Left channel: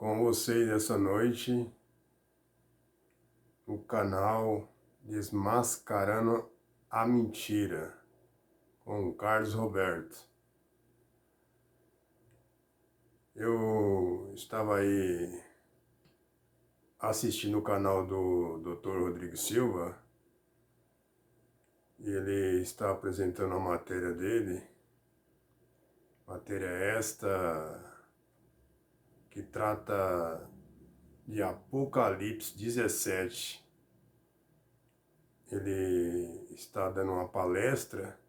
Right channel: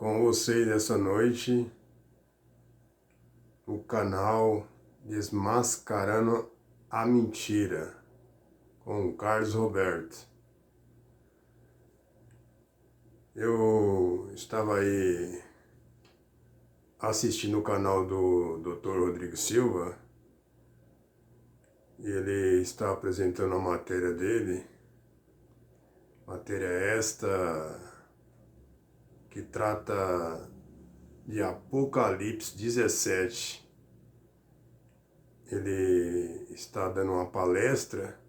com vocês essa noite o canal Desmascarando a Mentira com o Carlos Roberto. Eu estava aí assistindo o canal do Dr. Rodrigo Silva e ele está apresentando a matéria dele, matéria esta que trata de Apocalipse 17. Ele está dando uma palestra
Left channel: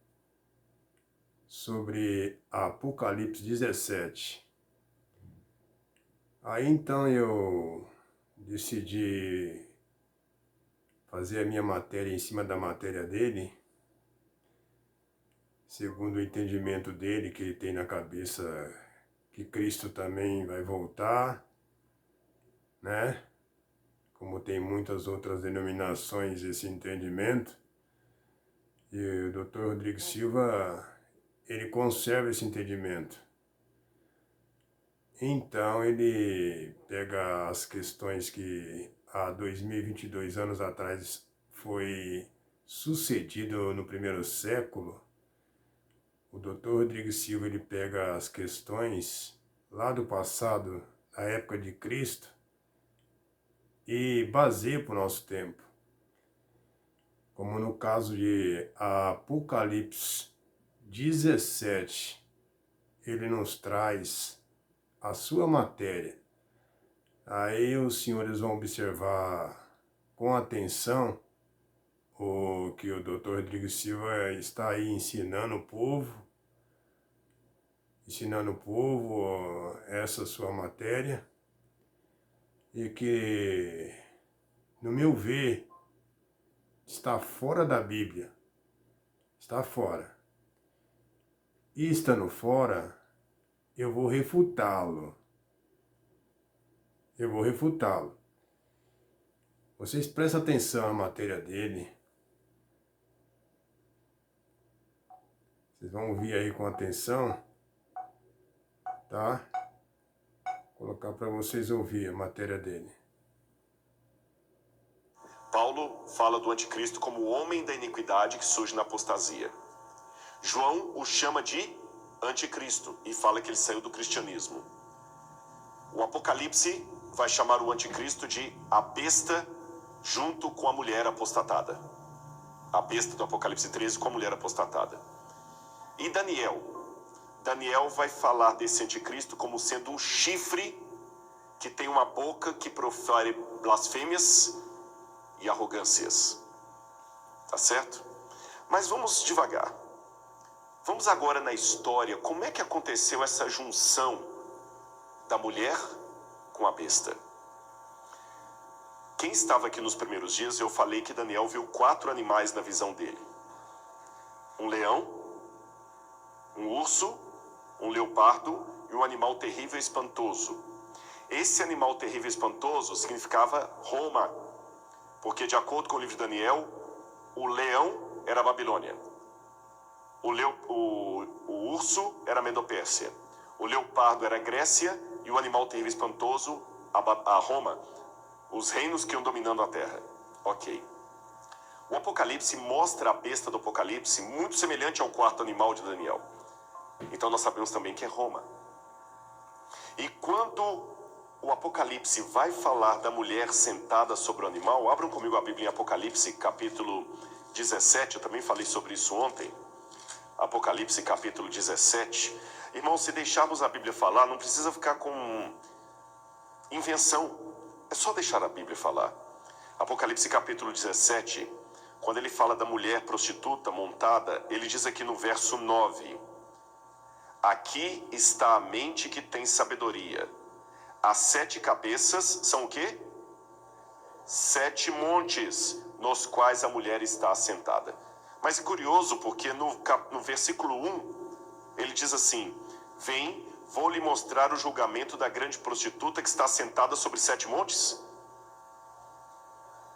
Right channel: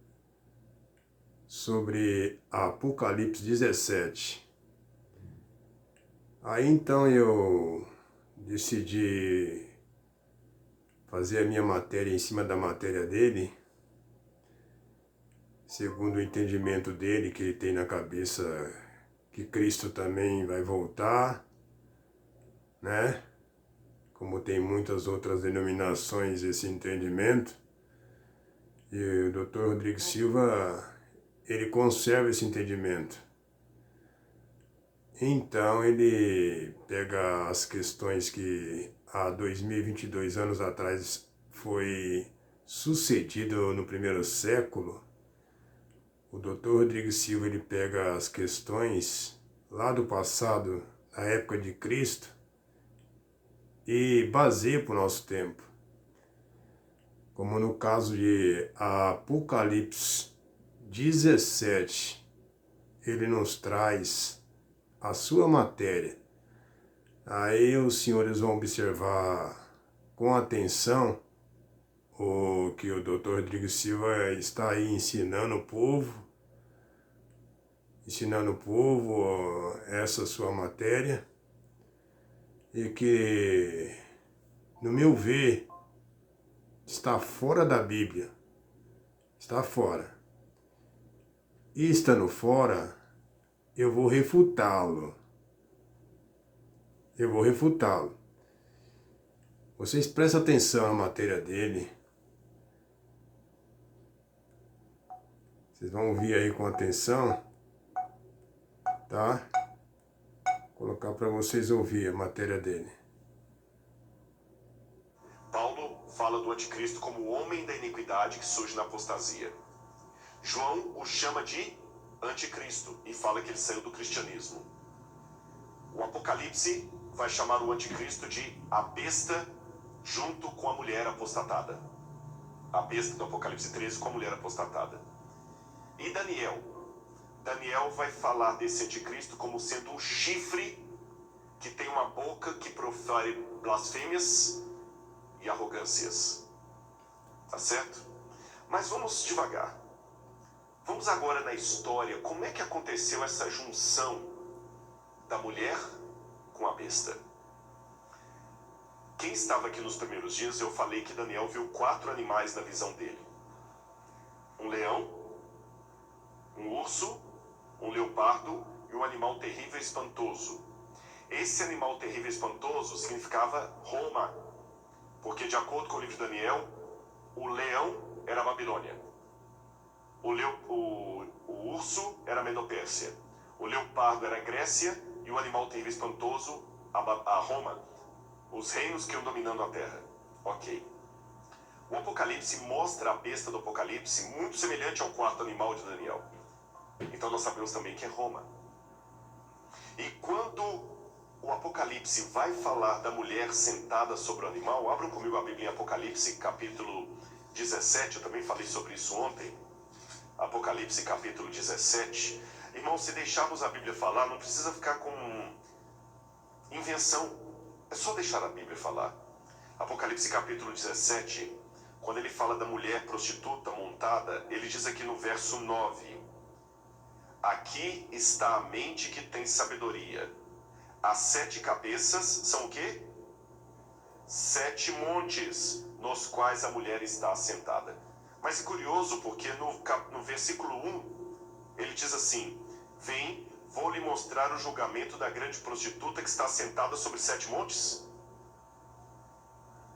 sobre Apocalipse 17. Aí então eu decidi fazer a minha matéria em cima da matéria dele, segundo o entendimento dele, que ele tem na cabeça que Cristo também vai voltar, né? Como tem muitas outras denominações esse entendimento. E o Dr. Rodrigo Silva, ele conserva esse entendimento. Então ele pega as questões que há 2022 anos atrás foi sucedido no primeiro século. O Dr. Rodrigo Silva, ele pega as questões lá do passado, da época de Cristo, e baseia para o nosso tempo. Como no caso de Apocalipse 17, ele nos traz a sua matéria. Aí os senhores vão observar com atenção o que o Dr. Rodrigo Silva está aí ensinando o povo essa sua matéria, e que, no meu ver, está fora da Bíblia, está fora. E estando fora, eu vou refutá-lo. Vocês prestem atenção à matéria dele. Vocês vão ouvir aí com atenção, tá? Vou colocar para vocês ouvir a matéria dele. Paulo fala do anticristo como o homem da iniquidade que surge na apostasia. João o chama de anticristo e fala que ele saiu do cristianismo. O Apocalipse vai chamar o anticristo de a besta junto com a mulher apostatada. A besta do Apocalipse 13 com a mulher apostatada. E Daniel vai falar desse anticristo como sendo um chifre que tem uma boca que profere blasfêmias e arrogâncias. Tá certo? Mas vamos devagar. Vamos agora na história. Como é que aconteceu essa junção da mulher com a besta? Quem estava aqui nos primeiros dias, eu falei que Daniel viu 4 animais na visão dele. Um leão, um urso, um leopardo e um animal terrível e espantoso. Esse animal terrível e espantoso significava Roma, porque de acordo com o livro de Daniel, o leão era a Babilônia, o urso era a Medopérsia, o leopardo era a Grécia e o animal terrível e espantoso a Roma, os reinos que iam dominando a terra. Ok. O Apocalipse mostra a besta do Apocalipse muito semelhante ao 4º animal de Daniel. Então nós sabemos também que é Roma. E quando o Apocalipse vai falar da mulher sentada sobre o animal, abram comigo a Bíblia em Apocalipse capítulo 17, eu também falei sobre isso ontem. Apocalipse capítulo 17. Irmãos, se deixarmos a Bíblia falar, não precisa ficar com invenção. É só deixar a Bíblia falar. Apocalipse capítulo 17, quando ele fala da mulher prostituta montada, ele diz aqui no verso 9: aqui está a mente que tem sabedoria. As 7 cabeças são o quê? 7 montes nos quais a mulher está assentada. Mas é curioso porque no versículo 1, ele diz assim: vem, vou lhe mostrar o julgamento da grande prostituta que está assentada sobre 7 montes,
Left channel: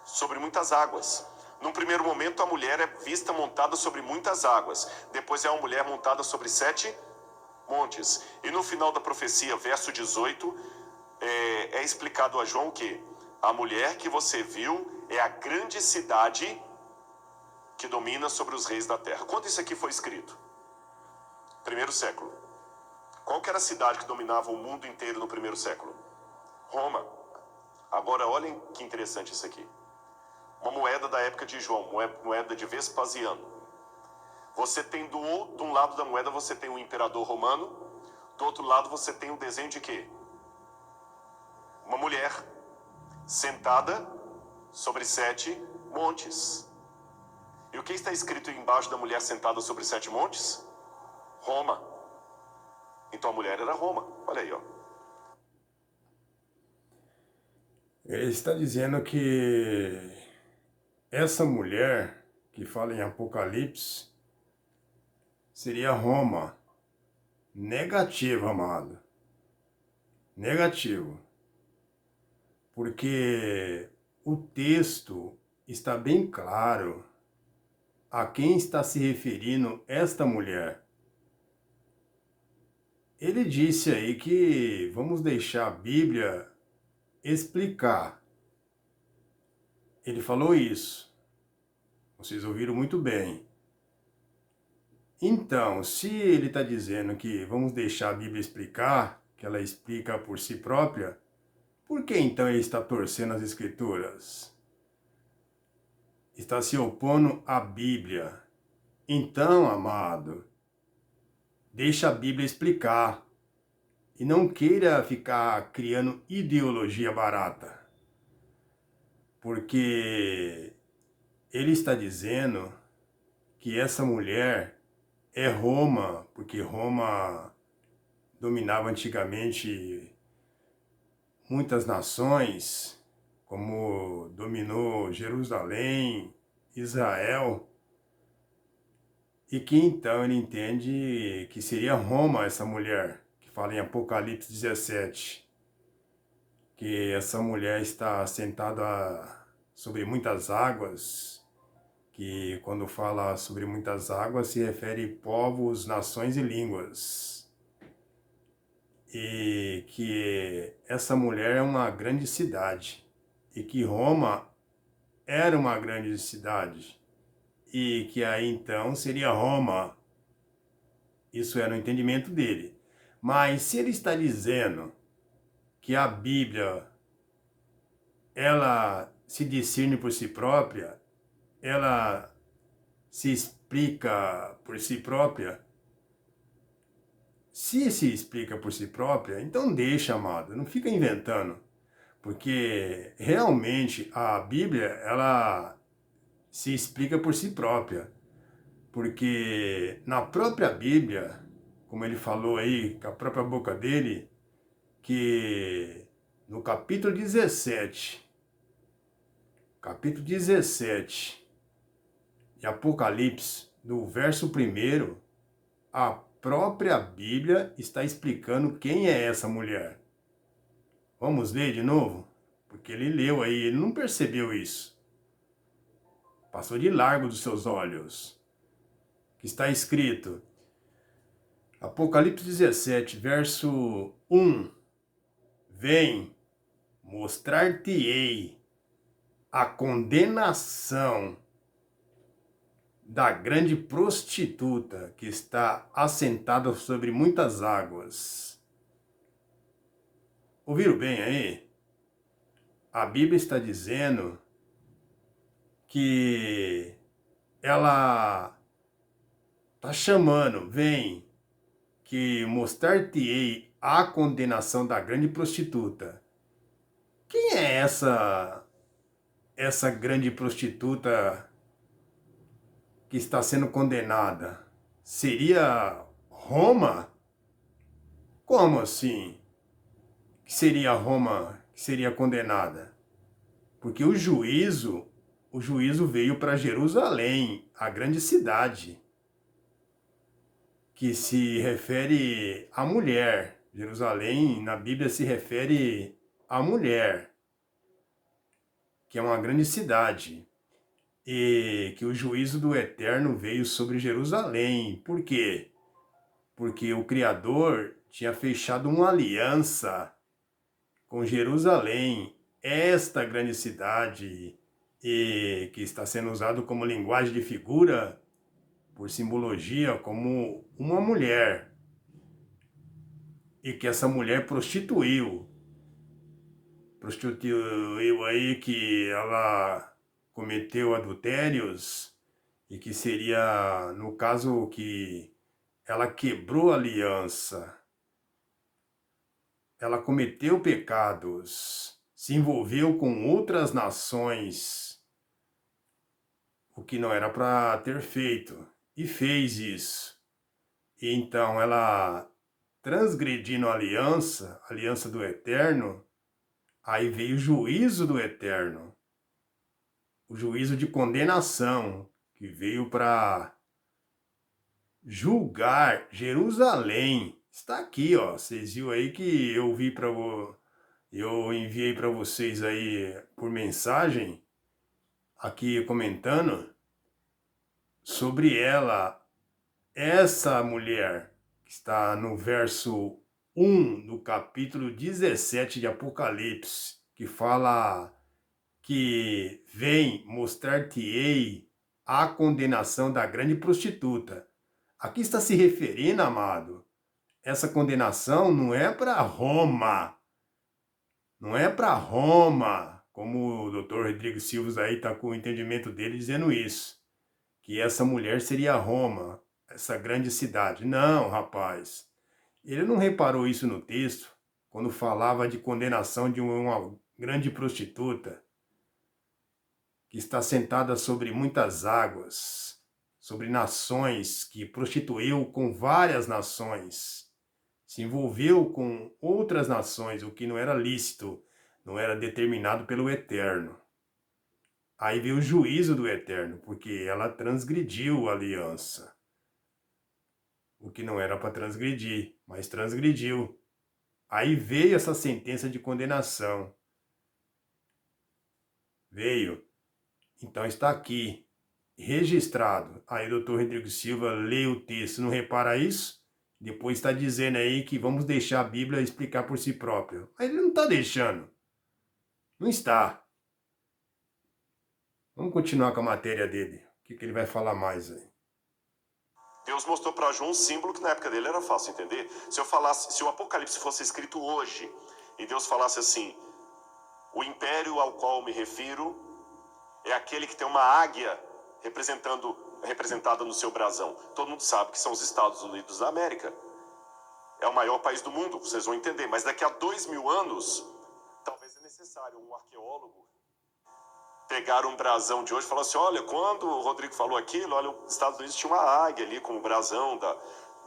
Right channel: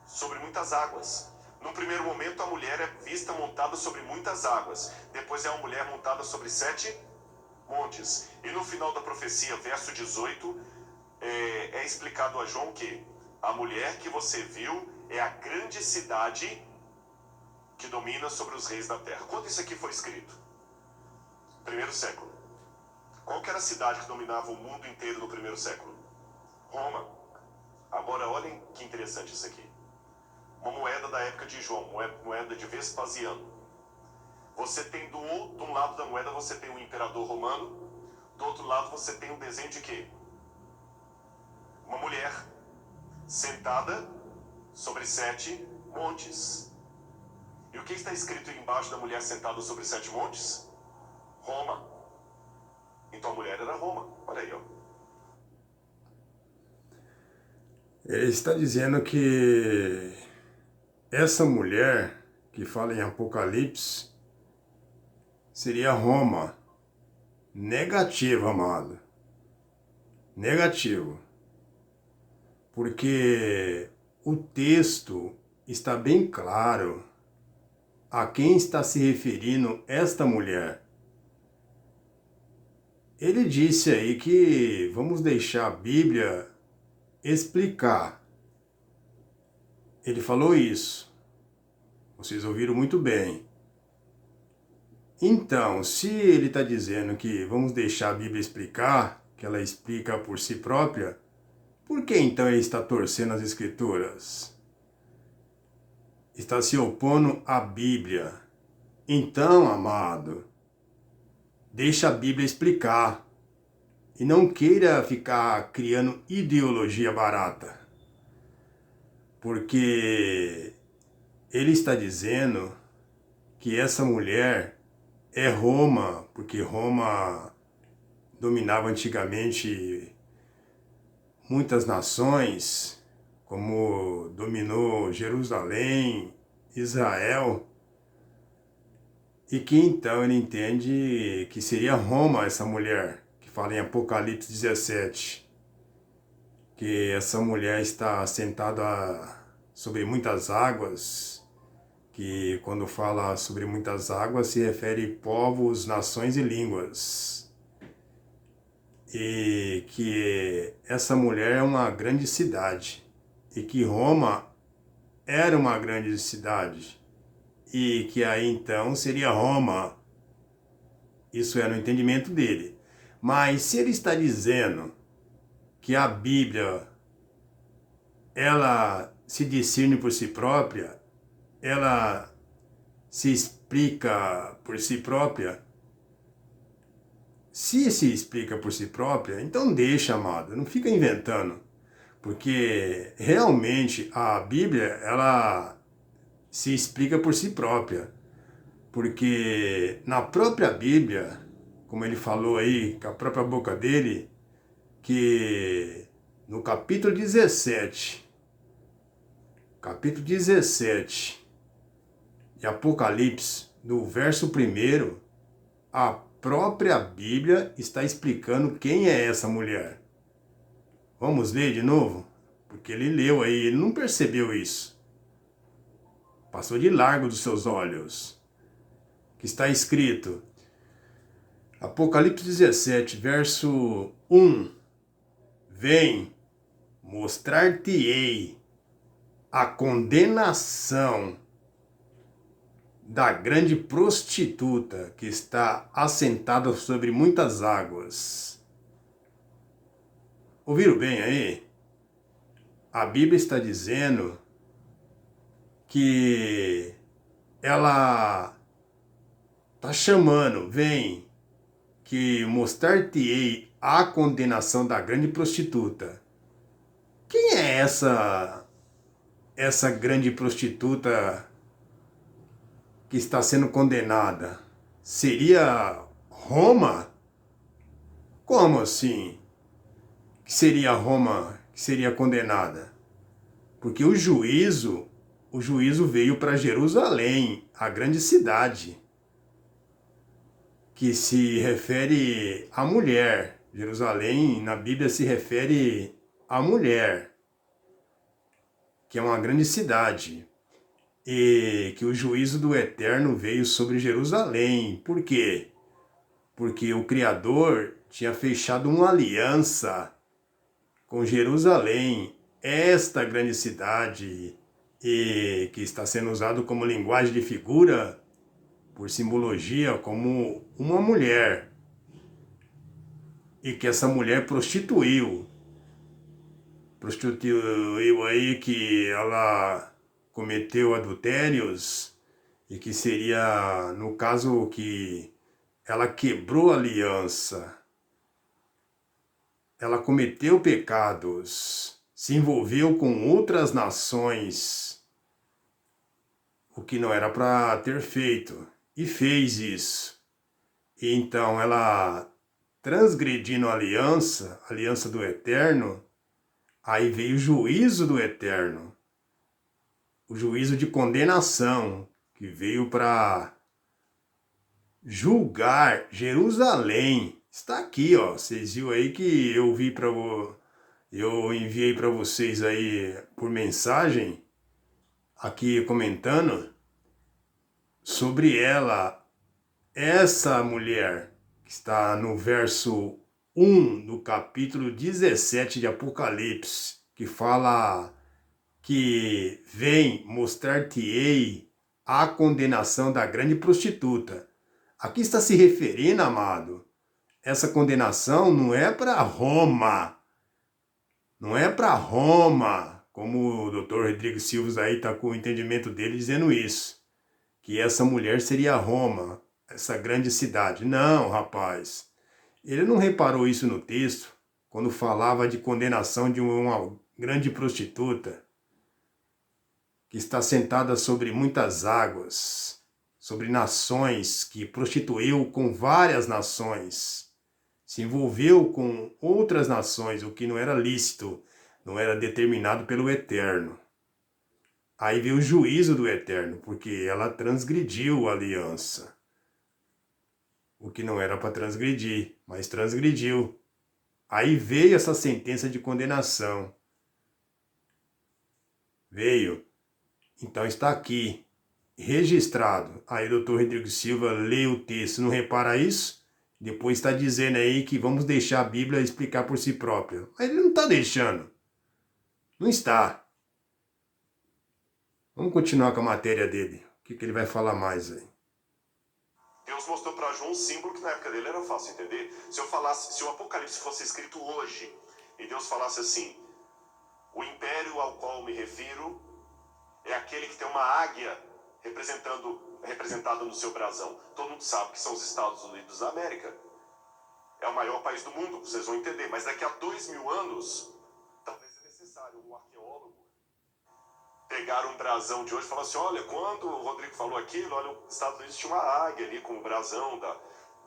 sobre muitas águas. Num primeiro momento a mulher é vista montada sobre muitas águas, depois é uma mulher montada sobre 7 montes. E no final da profecia, verso 18, é explicado a João que a mulher que você viu é a grande cidade que domina sobre os reis da terra. Quando isso aqui foi escrito? Primeiro século. Qual que era a cidade que dominava o mundo inteiro no primeiro século? Roma. Agora olhem que interessante isso aqui. Uma moeda da época de João, moeda de Vespasiano. Você tem de um lado da moeda você tem um imperador romano, do outro lado você tem um desenho de quê? Uma mulher sentada sobre 7 montes. E o que está escrito embaixo da mulher sentada sobre 7 montes? Roma. Então a mulher era Roma. Olha aí, ó. Ele está dizendo que essa mulher que fala em Apocalipse seria Roma. Negativo, amado. Negativo. Porque o texto está bem claro a quem está se referindo esta mulher. Ele disse aí que vamos deixar a Bíblia explicar. Ele falou isso. Vocês ouviram muito bem. Então, se ele está dizendo que vamos deixar a Bíblia explicar, que ela explica por si própria, por que então ele está torcendo as Escrituras? Está se opondo à Bíblia. Então, amado, deixa a Bíblia explicar. E não queira ficar criando ideologia barata. Porque ele está dizendo que essa mulher é Roma, porque Roma dominava antigamente muitas nações, como dominou Jerusalém, Israel, e que então ele entende que seria Roma essa mulher, que fala em Apocalipse 17, que essa mulher está sentada sobre muitas águas, que quando fala sobre muitas águas se refere povos, nações e línguas. E que essa mulher é uma grande cidade, e que Roma era uma grande cidade, e que aí então seria Roma. Isso era o entendimento dele. Mas se ele está dizendo que a Bíblia, ela se discerne por si própria, ela se explica por si própria, se explica por si própria, então deixa, amado, não fica inventando. Porque realmente a Bíblia, ela se explica por si própria. Porque na própria Bíblia, como ele falou aí, com a própria boca dele, que no capítulo 17 de Apocalipse, no verso 1, a própria Bíblia está explicando quem é essa mulher. Vamos ler de novo? Porque ele leu aí, ele não percebeu isso. Passou de largo dos seus olhos. Que está escrito, Apocalipse 17, verso 1. Vem, mostrar-te-ei a condenação da grande prostituta que está assentada sobre muitas águas. Ouviram bem aí? A Bíblia está dizendo que ela está chamando, vem, que mostrar-te-ei a condenação da grande prostituta. Quem é essa grande prostituta que está sendo condenada? Seria Roma? Como assim? Que seria Roma que seria condenada? Porque o juízo veio para Jerusalém, a grande cidade, que se refere à mulher. Jerusalém, na Bíblia, se refere à mulher, que é uma grande cidade. E que o juízo do Eterno veio sobre Jerusalém. Por quê? Porque o Criador tinha fechado uma aliança com Jerusalém, esta grande cidade, e que está sendo usado como linguagem de figura, por simbologia, como uma mulher, e que essa mulher prostituiu aí, que ela cometeu adultérios, e que seria, no caso, que ela quebrou a aliança, ela cometeu pecados, se envolveu com outras nações, o que não era para ter feito, e fez isso. E então ela, transgredindo a aliança do Eterno, aí veio o juízo do Eterno, o juízo de condenação, que veio para julgar Jerusalém. Está aqui, ó. Vocês viram aí que eu enviei para vocês aí por mensagem, aqui comentando sobre ela, essa mulher que está no verso 1 do capítulo 17 de Apocalipse, que fala que vem mostrar-te-ei a condenação da grande prostituta. Aqui está se referindo, amado, essa condenação não é para Roma, não é para Roma, como o doutor Rodrigo Silva aí está com o entendimento dele dizendo isso, que essa mulher seria Roma, essa grande cidade. Não, rapaz, ele não reparou isso no texto, quando falava de condenação de uma grande prostituta, que está sentada sobre muitas águas, sobre nações, que prostituiu com várias nações, se envolveu com outras nações, o que não era lícito, não era determinado pelo Eterno. Aí veio o juízo do Eterno, porque ela transgrediu a aliança, o que não era para transgredir, mas transgrediu. Aí veio essa sentença de condenação. Veio. Então está aqui, registrado. Aí o doutor Rodrigo Silva lê o texto, não repara isso? Depois está dizendo aí que vamos deixar a Bíblia explicar por si própria. Mas ele não está deixando. Não está. Vamos continuar com a matéria dele. O que ele vai falar mais aí? Deus mostrou para João um símbolo que na época dele era fácil entender. Se o Apocalipse fosse escrito hoje, e Deus falasse assim: o império ao qual me refiro é aquele que tem uma águia representada no seu brasão. Todo mundo sabe que são os Estados Unidos da América. É o maior país do mundo, vocês vão entender. Mas daqui a 2000 anos, talvez é necessário um arqueólogo pegar um brasão de hoje e falar assim: olha, quando o Rodrigo falou aquilo, olha, os Estados Unidos tinha uma águia ali com o brasão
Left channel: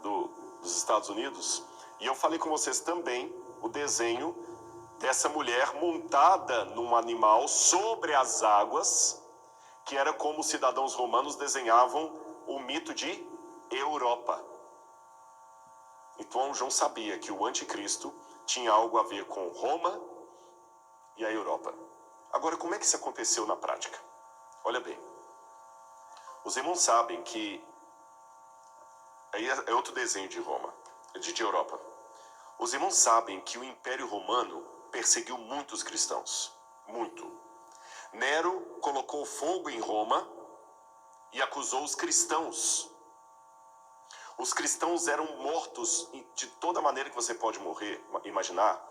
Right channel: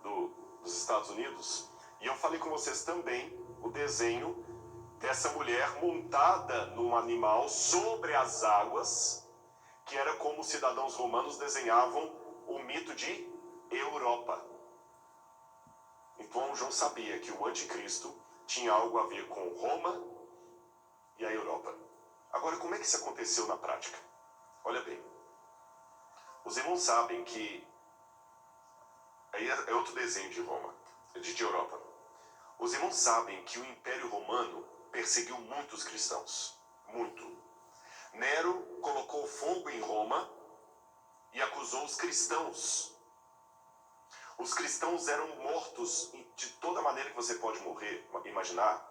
dos Estados Unidos. E eu falei com vocês também o desenho dessa mulher montada num animal sobre as águas, que era como os cidadãos romanos desenhavam o mito de Europa. Então João sabia que o anticristo tinha algo a ver com Roma e a Europa. Agora, como é que isso aconteceu na prática? Olha bem, os irmãos sabem que... Aí é outro desenho de Roma, de Europa. Os irmãos sabem que o Império Romano perseguiu muitos cristãos. Muito. Nero colocou fogo em Roma e acusou os cristãos. Os cristãos eram mortos de toda maneira que você pode imaginar.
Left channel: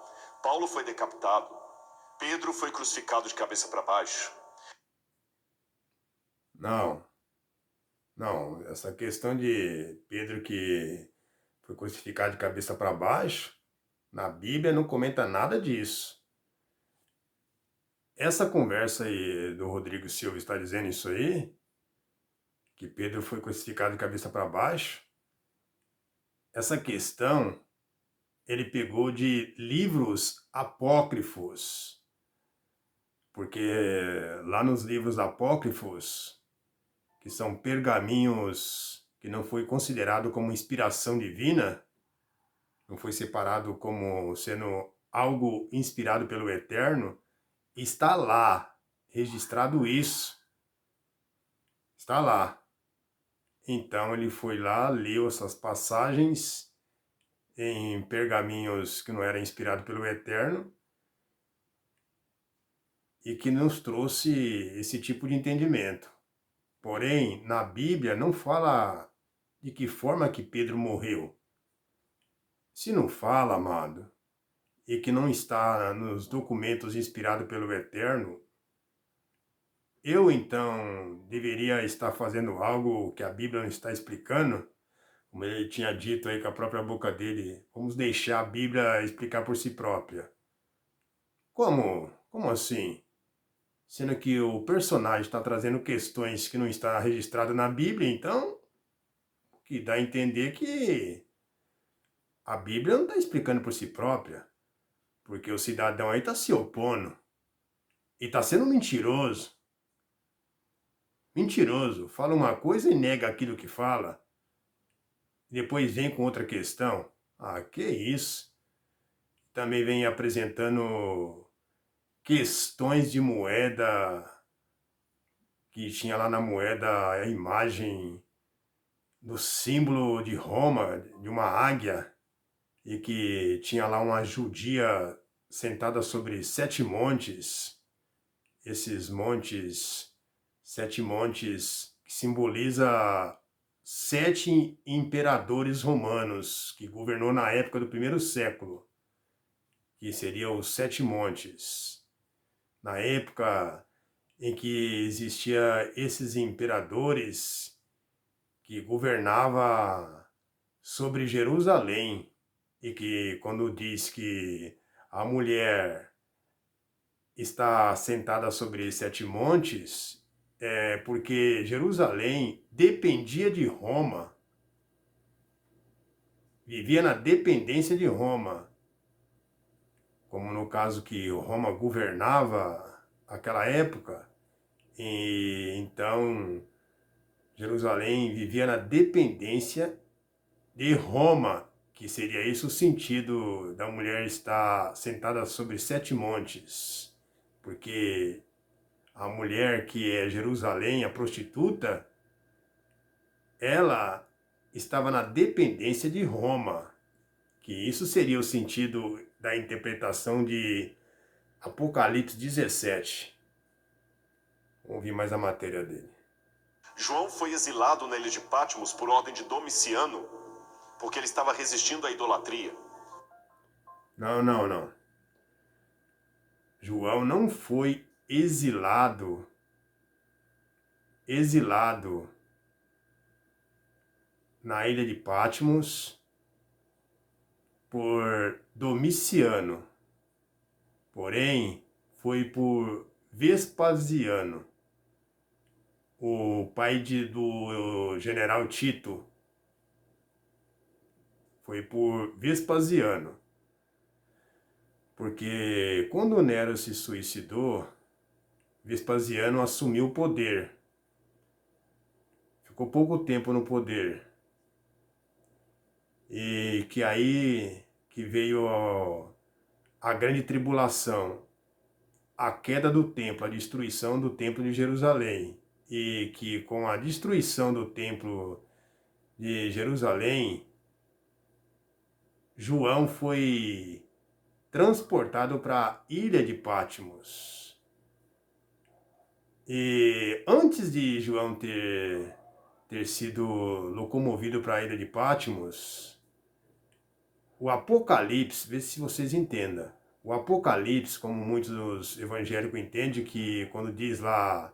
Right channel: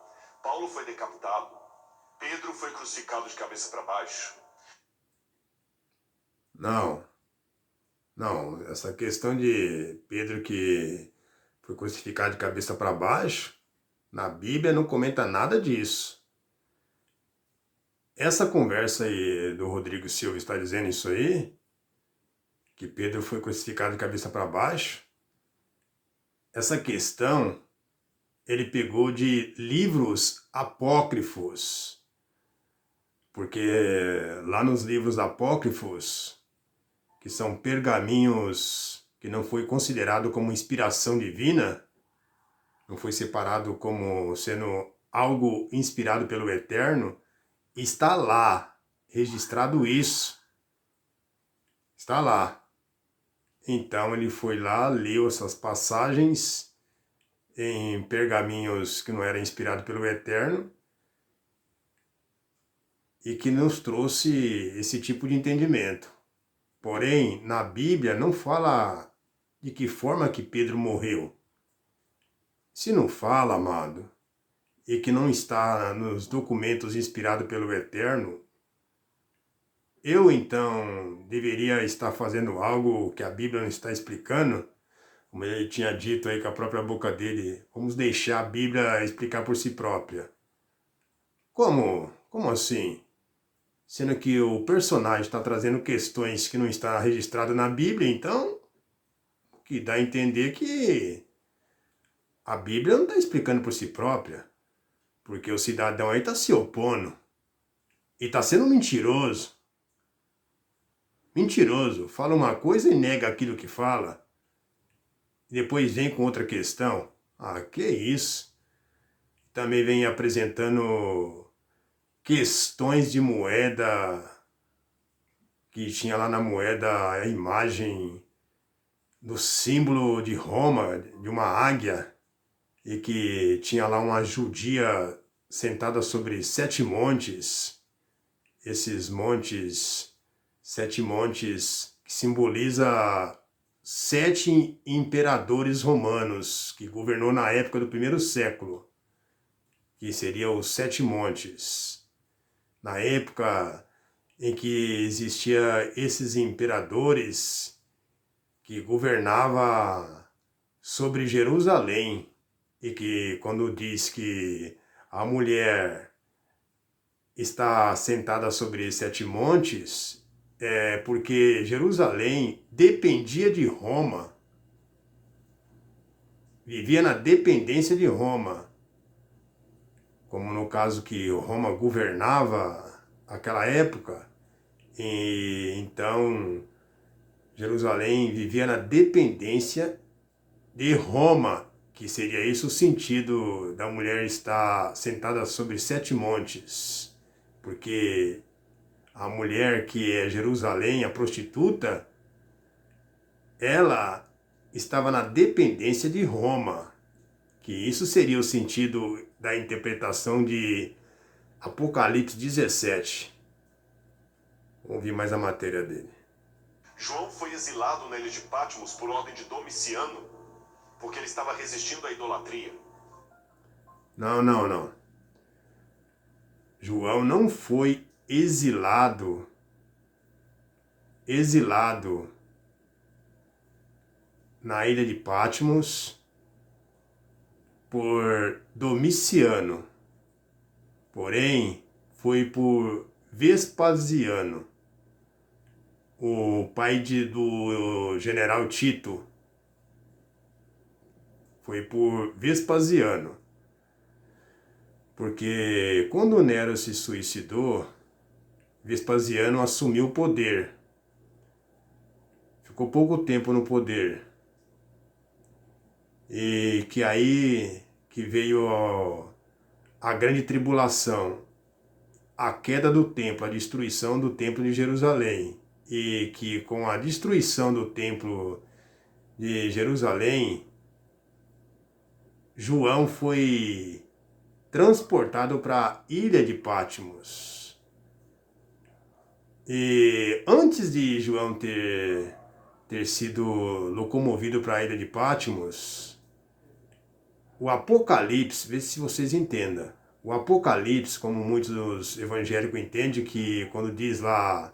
Paulo foi decapitado. Pedro foi crucificado de cabeça para baixo. Não. Essa questão de Pedro que foi crucificado de cabeça para baixo, na Bíblia não comenta nada disso. Essa conversa aí do Rodrigo Silva está dizendo isso aí, que Pedro foi crucificado de cabeça para baixo. Essa questão ele pegou de livros apócrifos, porque lá nos livros apócrifos, que são pergaminhos que não foi considerado como inspiração divina, não foi separado como sendo algo inspirado pelo Eterno, está lá, registrado isso. Está lá. Então ele foi lá, leu essas passagens em pergaminhos que não eram inspirados pelo Eterno, e que nos trouxe esse tipo de entendimento. Porém, na Bíblia não fala de que forma que Pedro morreu. Se não fala, amado, e que não está nos documentos inspirados pelo Eterno, eu então deveria estar fazendo algo que a Bíblia não está explicando, como ele tinha dito aí com a própria boca dele, vamos deixar a Bíblia explicar por si própria. Como? Como assim? Sendo que o personagem está trazendo questões que não está registrado na Bíblia, então, o que dá a entender que a Bíblia não está explicando por si própria, porque o cidadão aí está se opondo e está sendo mentiroso. Mentiroso, fala uma coisa e nega aquilo que fala, e depois vem com outra questão. Ah, que isso? Também vem apresentando questões de moeda, que tinha lá na moeda a imagem do símbolo de Roma, de uma águia, e que tinha lá uma judia sentada sobre 7 montes. Esses montes, 7 montes, que simboliza 7 imperadores romanos que governou na época do primeiro século, que seriam os 7 montes. Na época em que existia esses imperadores que governava sobre Jerusalém, e que quando diz que a mulher está sentada sobre 7 montes, é porque Jerusalém dependia de Roma, vivia na dependência de Roma, como no caso que Roma governava aquela época, e então Jerusalém vivia na dependência de Roma, que seria isso o sentido da mulher estar sentada sobre 7 montes, porque a mulher que é Jerusalém, a prostituta, ela estava na dependência de Roma, que isso seria o sentido da interpretação de Apocalipse 17. Vamos ouvir mais a matéria dele. João foi exilado na ilha de Patmos por ordem de Domiciano, porque ele estava resistindo à idolatria. Não. João não foi exilado na ilha de Patmos por Domiciano, porém foi por Vespasiano, o pai do general Tito. Foi por Vespasiano, porque quando Nero se suicidou, Vespasiano assumiu o poder. Ficou pouco tempo no poder. E que aí que veio a grande tribulação, a queda do templo, a destruição do templo de Jerusalém. E que com a destruição do templo de Jerusalém, João foi transportado para a ilha de Patmos. E antes de João ter sido locomovido para a ilha de Patmos, o Apocalipse, vê se vocês entendam, o Apocalipse, como muitos dos evangélicos entendem, que quando diz lá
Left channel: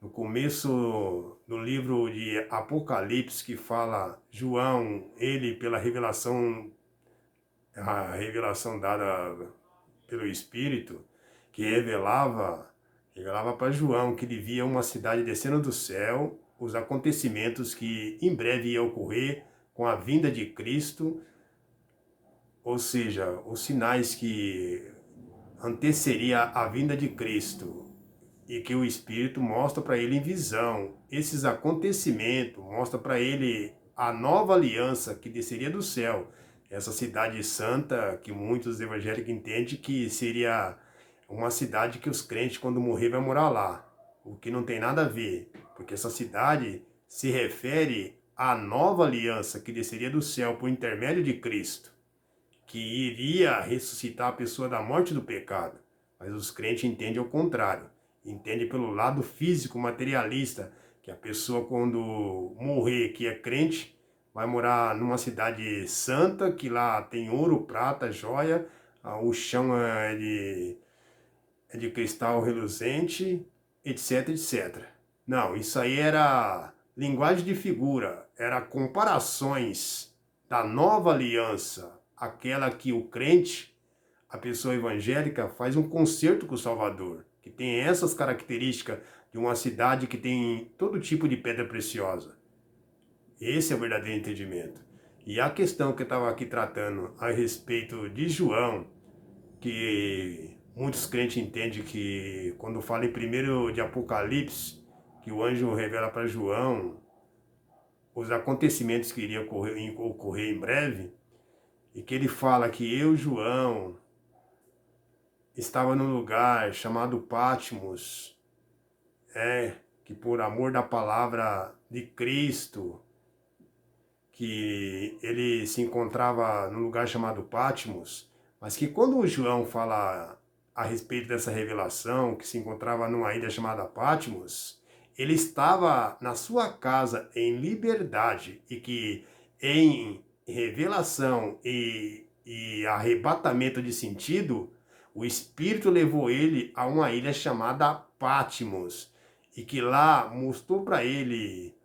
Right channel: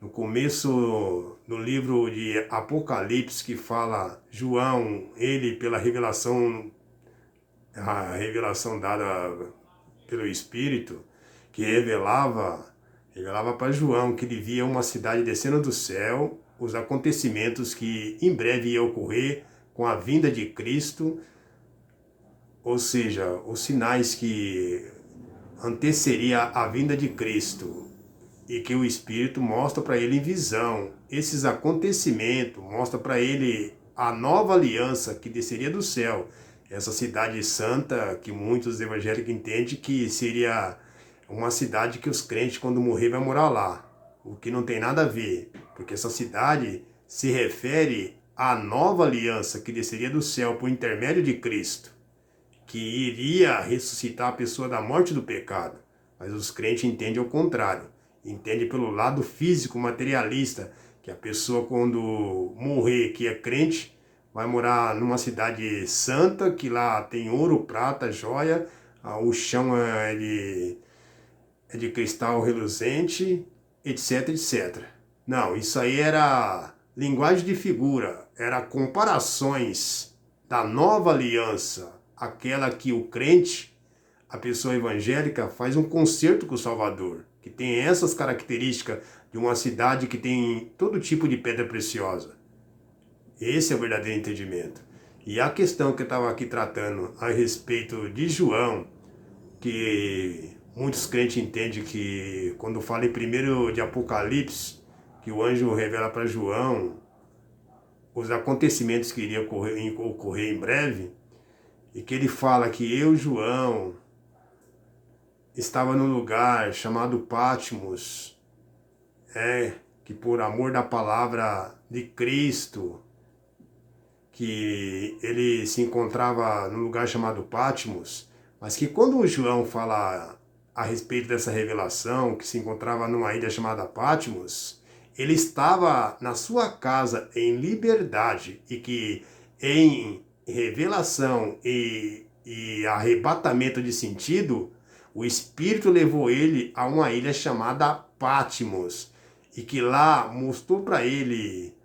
no começo do livro de Apocalipse, que fala João, ele pela revelação, a revelação dada pelo Espírito, que revelava para João que ele via uma cidade descendo do céu, os acontecimentos que em breve ia ocorrer com a vinda de Cristo, ou seja, os sinais que anteceria a vinda de Cristo, e que o Espírito mostra para ele em visão esses acontecimentos, mostra para ele a nova aliança que desceria do céu, essa cidade santa que muitos evangélicos entendem que seria uma cidade que os crentes quando morrer vai morar lá, o que não tem nada a ver, porque essa cidade se refere à nova aliança que desceria do céu por intermédio de Cristo, que iria ressuscitar a pessoa da morte do pecado. Mas os crentes entendem o contrário. Entendem pelo lado físico, materialista, que a pessoa quando morrer, que é crente, vai morar numa cidade santa, que lá tem ouro, prata, joia, o chão é de cristal reluzente, etc, etc. Não, isso aí era linguagem de figura, era comparações da nova aliança, aquela que o crente, a pessoa evangélica, faz um concerto com o Salvador, que tem essas características de uma cidade que tem todo tipo de pedra preciosa. Esse é o verdadeiro entendimento. E a questão que eu estava aqui tratando a respeito de João, que muitos crentes entendem que quando fala em 1 de Apocalipse, que o anjo revela para João os acontecimentos que iriam ocorrer em breve, e que ele fala que eu, João, estava num lugar chamado Patmos, que por amor da palavra de Cristo, que ele se encontrava num lugar chamado Patmos, mas que quando o João fala a respeito dessa revelação, que se encontrava numa ilha chamada Patmos, ele estava na sua casa em liberdade e que em revelação e arrebatamento de sentido, o Espírito levou ele a uma ilha chamada Patmos e que lá mostrou para ele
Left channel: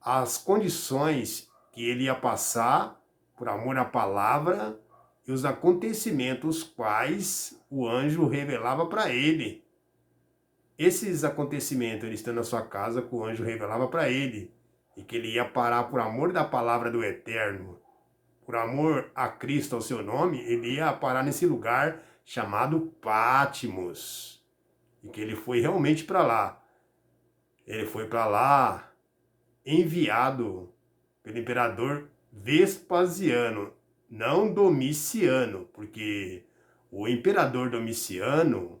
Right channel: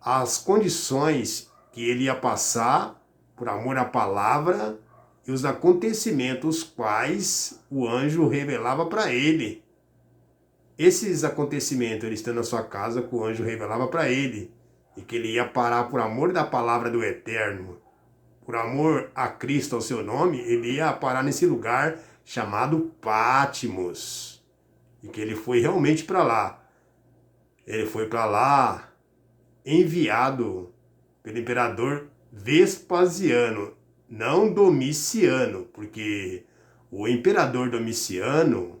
as condições que ele ia passar por amor à palavra e os acontecimentos quais o anjo revelava para ele. Esses acontecimentos, ele estando na sua casa, que o anjo revelava para ele, e que ele ia parar por amor da palavra do Eterno, por amor a Cristo, ao seu nome, ele ia parar nesse lugar chamado Patmos, e que ele foi realmente para lá. Ele foi para lá enviado pelo imperador Vespasiano, não Domiciano, porque o imperador Domiciano,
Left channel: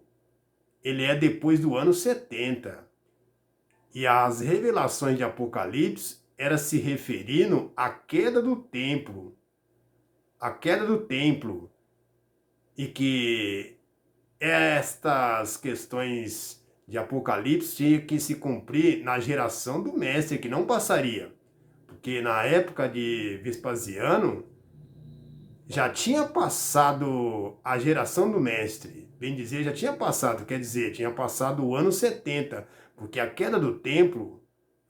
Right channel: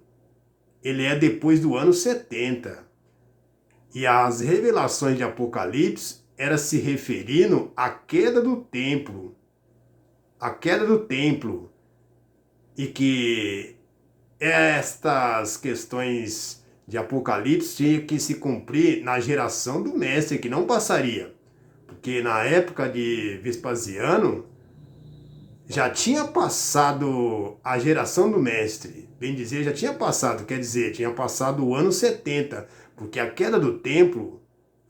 ele é depois do ano 70. E as revelações de Apocalipse era se referindo à queda do templo. A queda do templo. E que estas questões de Apocalipse tinham que se cumprir na geração do mestre, que não passaria. Porque na época de Vespasiano, já tinha passado a geração do mestre. Bem dizer, já tinha passado, quer dizer, tinha passado o ano 70. Porque a queda do templo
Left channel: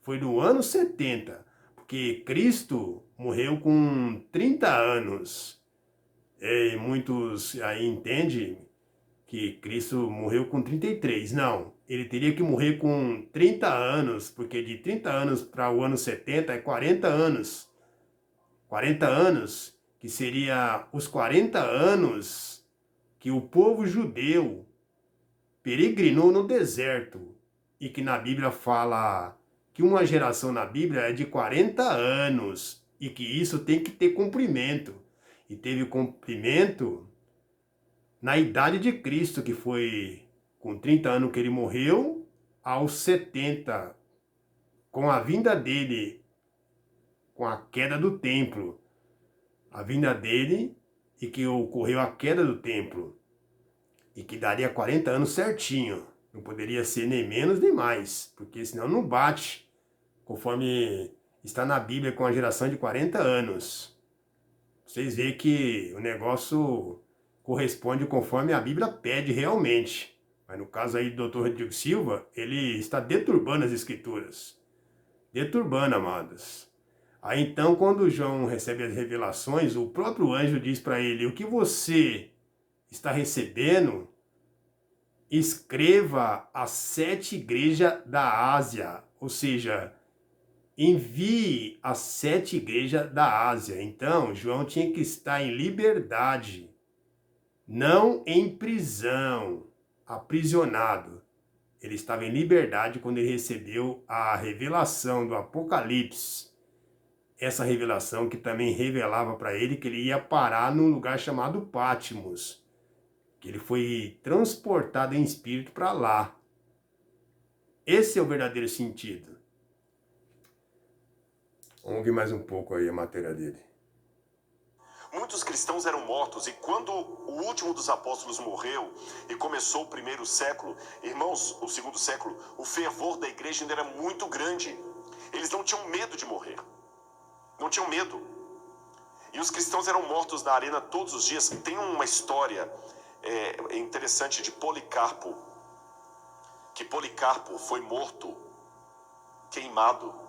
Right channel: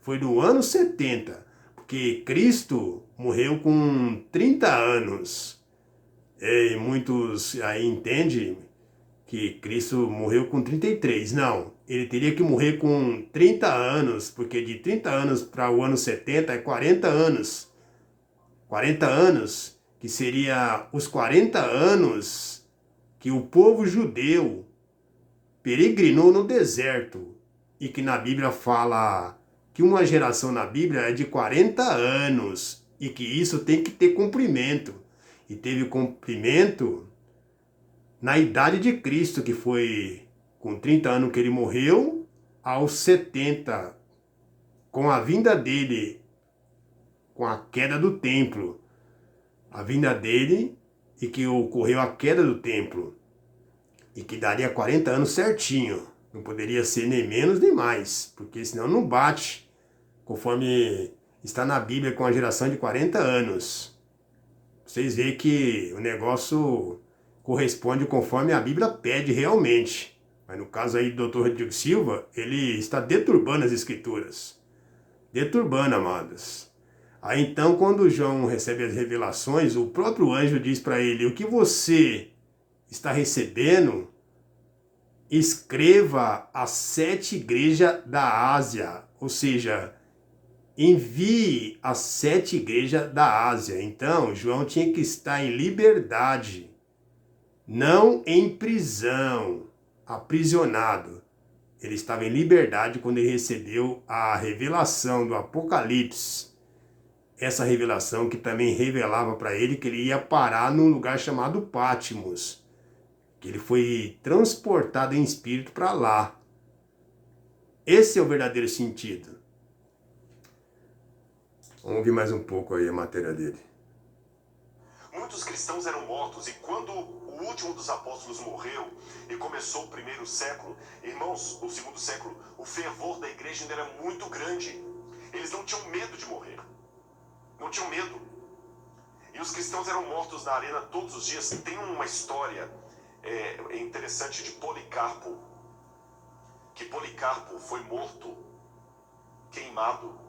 foi no ano 70. Porque Cristo morreu com 30 anos. E muitos aí entendem que Cristo morreu com 33. Não, ele teria que morrer com 30 anos, porque de 30 anos para o ano 70 é 40 anos. 40 anos, que seria os 40 anos que o povo judeu peregrinou no deserto. E que na Bíblia fala que uma geração na Bíblia é de 40 anos. E que isso tem que ter cumprimento. E teve cumprimento na idade de Cristo, que foi com 30 anos que ele morreu, aos 70, com a vinda dele, com a queda do templo, a vinda dele e que ocorreu a queda do templo, e que daria 40 anos certinho, não poderia ser nem menos nem mais, porque senão não bate, conforme está na Bíblia com a geração de 40 anos. Vocês veem que o negócio corresponde conforme a Bíblia pede realmente. Mas no caso aí do Dr. Rodrigo Silva, ele está deturbando as escrituras. Deturbando, amados. Aí então, quando João recebe as revelações, o próprio anjo diz para ele: o que você está recebendo, escreva às 7 igrejas da Ásia. Ou seja, envie às 7 igrejas da Ásia. Então, João tinha que estar em liberdade, não em prisão, aprisionado. Ele estava em liberdade quando ele recebeu a revelação do Apocalipse. Essa revelação que também revelava para ele que ele ia parar num lugar chamado Patmos, que ele foi transportado em espírito para lá. Esse é o verdadeiro sentido. Vamos ouvir mais um pouco aí a matéria dele. Muitos cristãos eram mortos e quando o último dos apóstolos morreu e começou o primeiro século, irmãos, o segundo século, o fervor da igreja ainda era muito grande. Eles não tinham medo de morrer. Não tinham medo. E os cristãos eram mortos na arena todos os dias. Tem uma história interessante de Policarpo. Que Policarpo foi morto, queimado,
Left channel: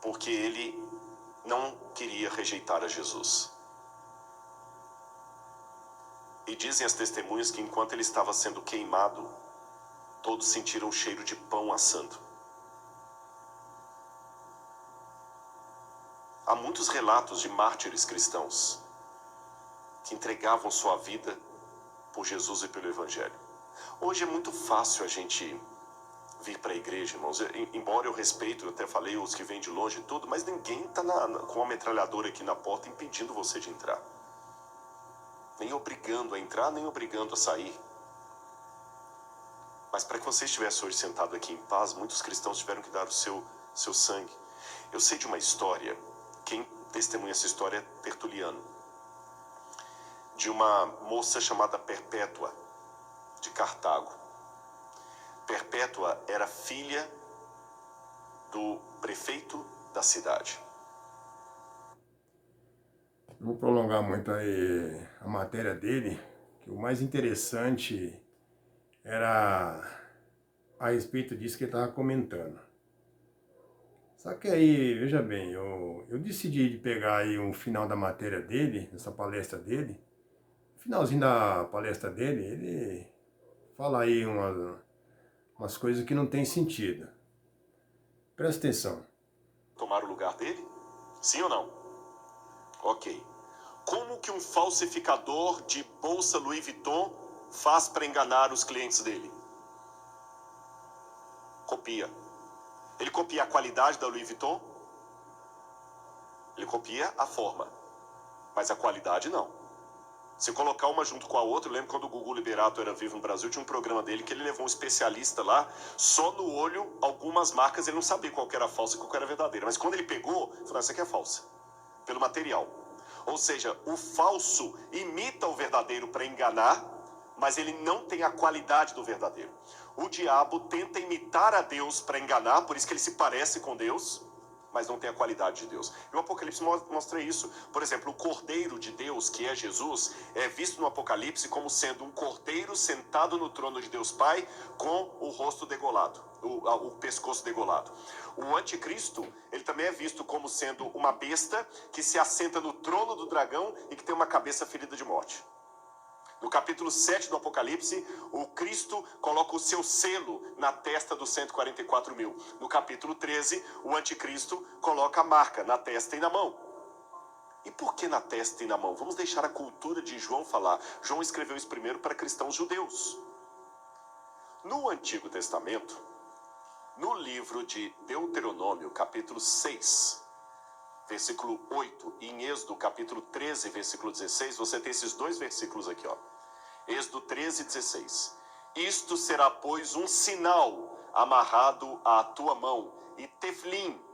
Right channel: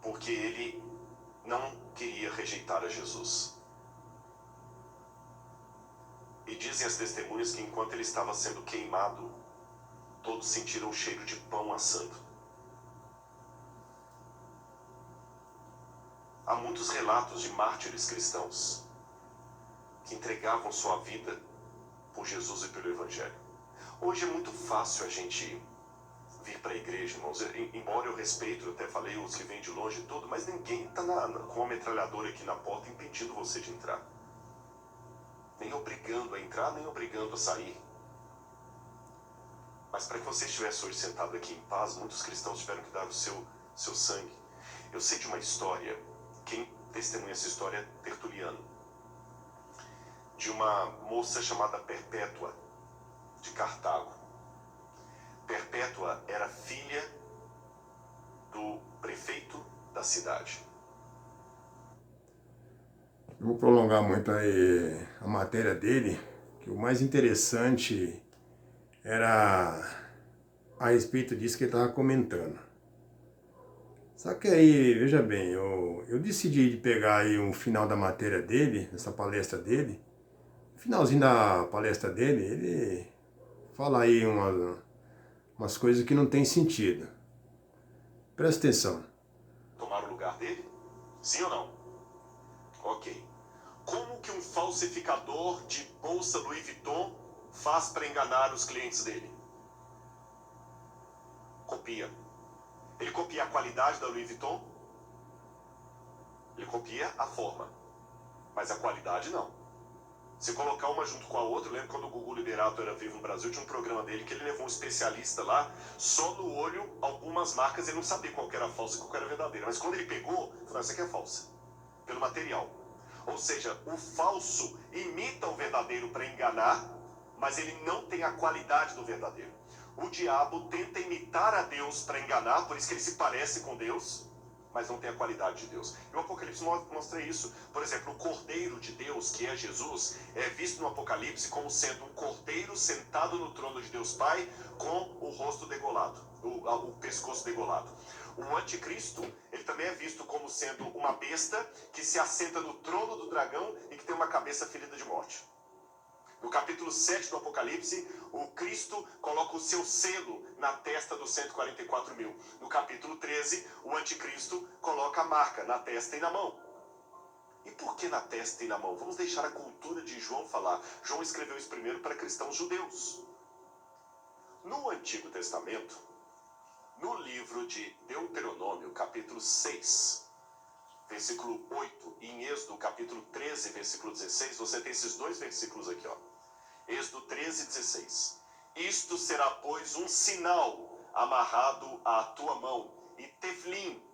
porque ele não queria rejeitar a Jesus. E dizem as testemunhas que enquanto ele estava sendo queimado, todos sentiram o cheiro de pão assando. Há muitos relatos de mártires cristãos que entregavam sua vida por Jesus e pelo Evangelho. Hoje é muito fácil a gente vir para a igreja, irmãos. Embora eu respeito, eu até falei os que vêm de longe e tudo, mas ninguém está com uma metralhadora aqui na porta impedindo você de entrar. Nem obrigando a entrar, nem obrigando a sair. Mas para que você estivesse hoje sentado aqui em paz, muitos cristãos tiveram que dar o seu sangue. Eu sei de uma história, quem testemunha essa história é Tertuliano, de uma moça chamada Perpétua, de Cartago. Perpétua era filha do prefeito da cidade. Não vou prolongar muito aí a matéria dele, que o mais interessante era a respeito disso que ele estava comentando. Só que aí, veja bem, eu decidi pegar aí um final da matéria dele, essa palestra dele. No finalzinho da palestra dele, ele fala aí umas coisas que não tem sentido. Presta atenção. Tomar o lugar dele? Sim ou não? Ok. Como que um falsificador de bolsa Louis Vuitton faz para enganar os clientes dele? Copia. Ele copia a qualidade da Louis Vuitton? Ele copia a forma, mas a qualidade não. Se colocar uma junto com a outra, eu lembro quando o Gugu Liberato era vivo no Brasil, tinha um programa dele que ele levou um especialista lá, só no olho, algumas marcas ele não sabia qual que era falsa e qual que era verdadeira. Mas quando ele pegou, ele falou, essa aqui é falsa, pelo material. Ou seja, o falso imita o verdadeiro para enganar, mas ele não tem a qualidade do verdadeiro. O diabo tenta imitar a Deus para enganar, por isso que ele se parece com Deus, mas não tem a qualidade de Deus. E o Apocalipse mostra isso. Por exemplo, o Cordeiro de Deus, que é Jesus, é visto no Apocalipse como sendo um cordeiro sentado no trono de Deus Pai, com o rosto degolado, o pescoço degolado. O anticristo, ele também é visto como sendo uma besta que se assenta no trono do dragão e que tem uma cabeça ferida de morte. No capítulo 7 do Apocalipse, o Cristo coloca o seu selo na testa dos 144 mil. No capítulo 13, o anticristo coloca a marca na testa e na mão. E por que na testa e na mão? Vamos deixar a cultura de João falar. João escreveu isso primeiro para cristãos judeus. No Antigo Testamento, no livro de Deuteronômio, capítulo 6, versículo 8, e em Êxodo, capítulo 13, versículo 16, você tem esses dois versículos aqui, ó. Êxodo 13, 16. Isto será, pois, um sinal amarrado à tua mão, e teflim,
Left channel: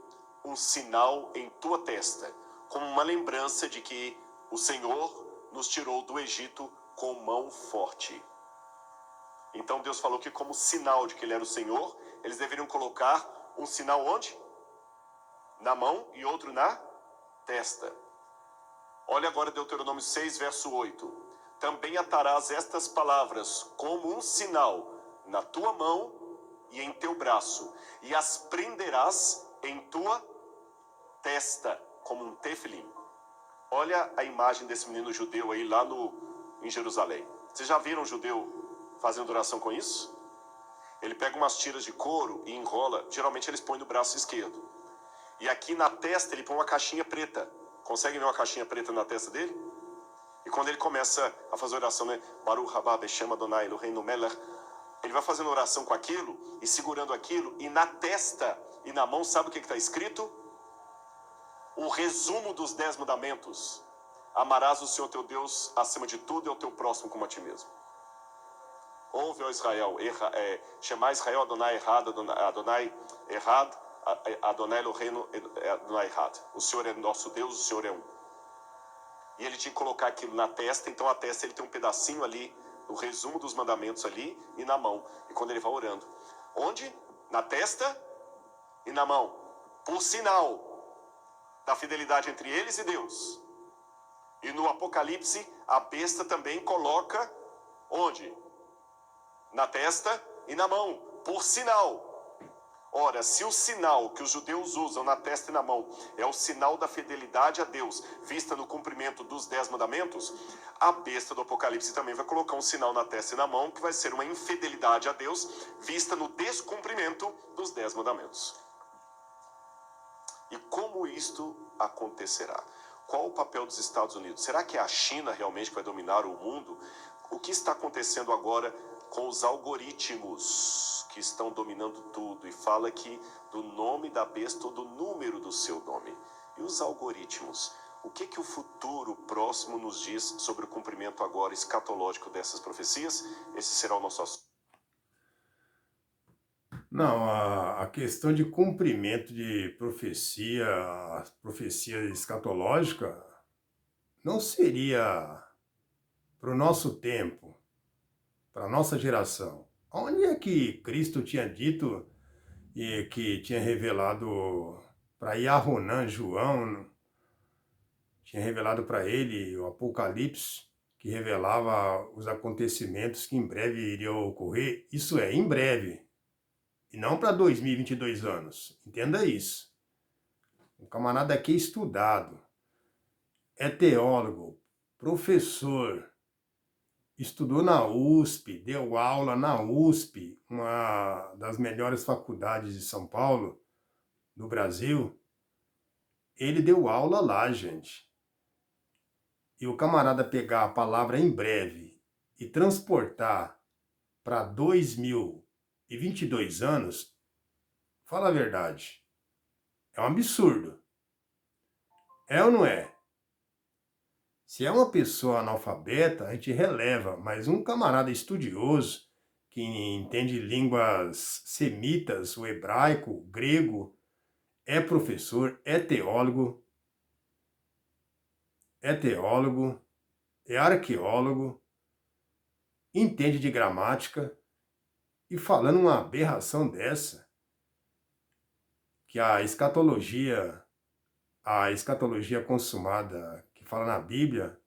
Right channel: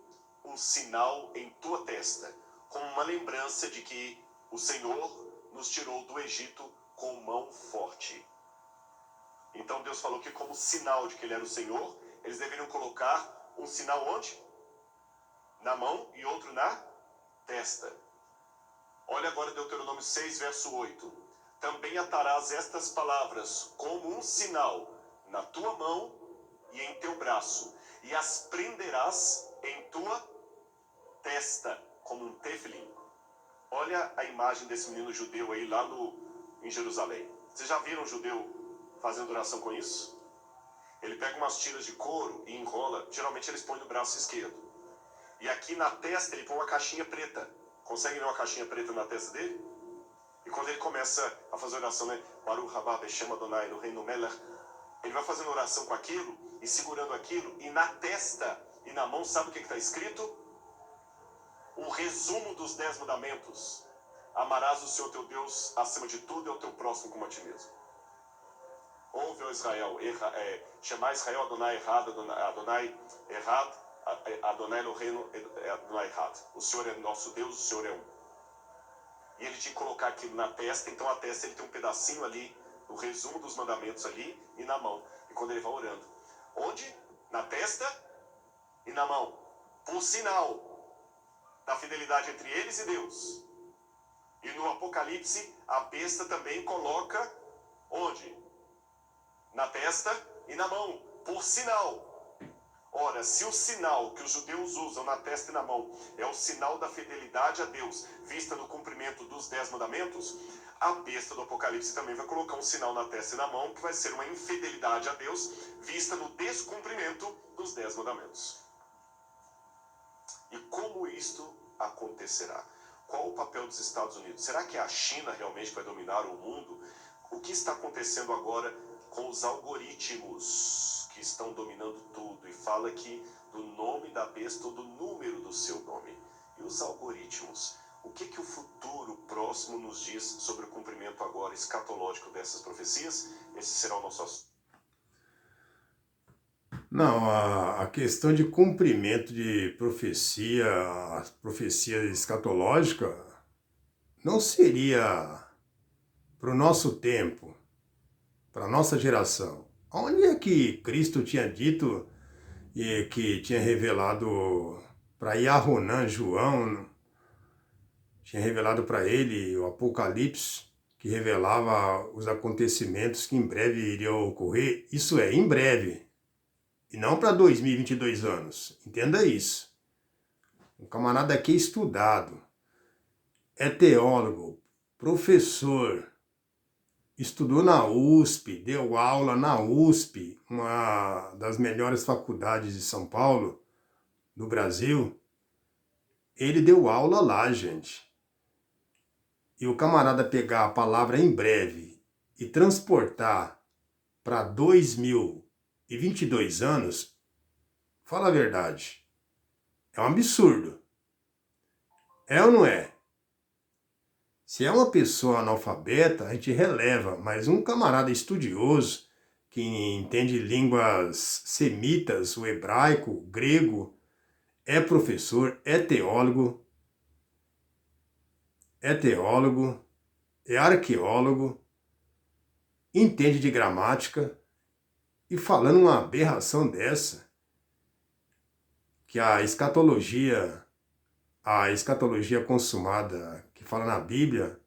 um sinal em tua testa, como uma lembrança de que o Senhor nos tirou do Egito com mão forte. Então Deus falou que como sinal de que Ele era o Senhor, eles deveriam colocar um sinal onde? Na mão e outro na testa. Olha agora Deuteronômio 6, verso 8. Também atarás estas palavras como um sinal na tua mão e em teu braço, e as prenderás em tua testa, como um tefilim. Olha a imagem desse menino judeu aí lá em Jerusalém. Vocês já viram um judeu fazendo oração com isso? Ele pega umas tiras de couro e enrola, geralmente eles põem no braço esquerdo. E aqui na testa ele põe uma caixinha preta. Consegue ver uma caixinha preta na testa dele? E quando ele começa a fazer oração, né? Baruch haba Beshem Adonai no reino Melech, ele vai fazendo oração com aquilo e segurando aquilo, e na testa e na mão, sabe o que está escrito? O resumo dos 10 mandamentos. Amarás o Senhor teu Deus acima de tudo e ao teu próximo como a ti mesmo. Ouve, ó Israel, Shema Israel Adonai errado, Adonai errado, Adonai Eloheinu Adonai errado. O Senhor é nosso Deus, o Senhor é um. e ele tinha que colocar aquilo na testa, então a testa ele tem um pedacinho ali, o resumo dos mandamentos ali e na mão. E quando ele vai orando, onde? Na testa e na mão, por sinal da fidelidade entre eles e Deus. E no Apocalipse, a besta também coloca onde? Na testa e na mão, por sinal. Ora, se o sinal que os judeus usam na testa e na mão é o sinal da fidelidade a Deus, vista no cumprimento dos 10 mandamentos, a besta do Apocalipse também vai colocar um sinal na testa e na mão, que vai ser uma infidelidade a Deus, vista no descumprimento dos 10 mandamentos. E como isto acontecerá? Qual o papel dos Estados Unidos? Será que é a China realmente que vai dominar o mundo? O que está acontecendo agora com os algoritmos que estão dominando tudo? E fala aqui do nome da besta ou do número do seu nome. E os algoritmos? O que o futuro próximo nos diz sobre o cumprimento agora escatológico dessas profecias? Esse será o nosso assunto. Não, a questão de cumprimento de profecia, a profecia escatológica, não seria para o nosso tempo, para a nossa geração. Onde é que Cristo tinha dito e que tinha revelado para Yahonan, João, tinha revelado para ele o Apocalipse, que revelava os acontecimentos que em breve iriam ocorrer? Isso é, em breve. E não para 2022 anos. Entenda isso. Um camarada aqui é estudado, é teólogo, professor, estudou na USP, deu aula na USP, uma das melhores faculdades de São Paulo, no Brasil. Ele deu aula lá, gente. E o camarada pegar a palavra em breve e transportar para 2022 anos, fala a verdade, é um absurdo. É ou não é? Se é uma pessoa analfabeta, a gente releva, mas um camarada estudioso, que entende línguas semitas, o hebraico, o grego, é professor, é arqueólogo, entende de gramática, e falando uma aberração dessa, que a escatologia consumada que fala na Bíblia,